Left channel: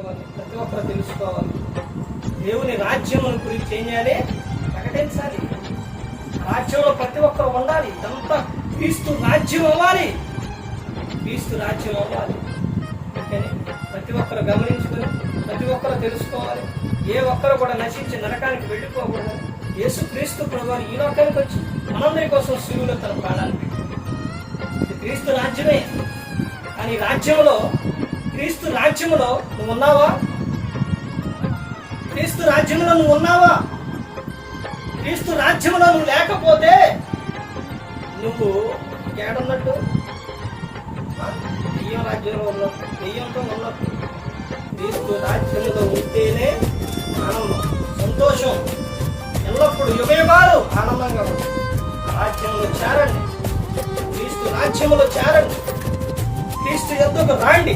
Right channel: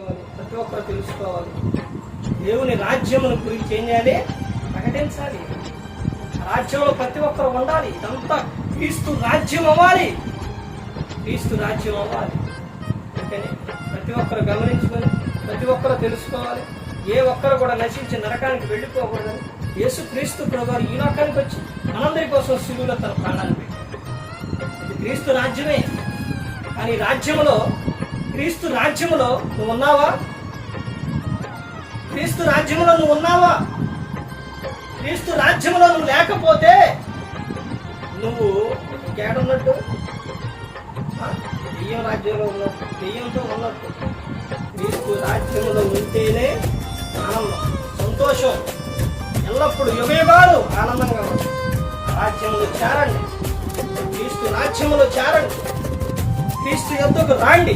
నేర్చుకోవాలి, ప్రతి ఒక్కరు తెలుసుకోవాలి. దేవుని రాజ్యమును గురించి ఏం చేయాలి? ప్రకటించాలి. రాజ్యంలో ప్రతి ఒక్కరు ఉండాలి. ఇదంతా క్రీస్తు రాజ్యం అవ్వాలి, క్రీస్తు రాజ్యం అవ్వాలి. అందుకని ప్రతి ఒక్కరు గమనించుకొని ప్రతి ఒక్కరు తెలుసుకోవాలి. ఏ ఒక్కరు కూడా నశించి నరకానికి వెళ్ళిపోకూడదని యేసు క్రీస్తు ప్రభువారు ఈ లోకానికి వచ్చి మనందరి కోసం శిలువలో తన ప్రాణాలు పెట్టారు. ఇది క్రీస్తు రాజ్యమే. కానీ రాజ్యంలో, క్రీస్తు రాజ్యంలో నువ్వు ఉన్నావా? క్రీస్తు రాజ్యంలో నువ్వు ఉన్నావా? క్రీస్తు రాజ్యంలో నువ్వు లేకపోతే నువ్వు ఏడున్నట్టు? దెయ్యం రాజ్యంలో ఉన్నట్టు, దెయ్యంతో ఉన్నట్టు. క్రీస్తు రాజ్యంలో ఉంటేనే ఆనందం, సంతోషం, ఎల్లప్పుడూ యుగయుగాలు ఆనందంగా ఉంటుంది. ఆ రాజ్యంలో చేరండి, క్రీస్తు రాజ్యంలో చేరండి, క్రీస్తు యొద్దకు రాండి.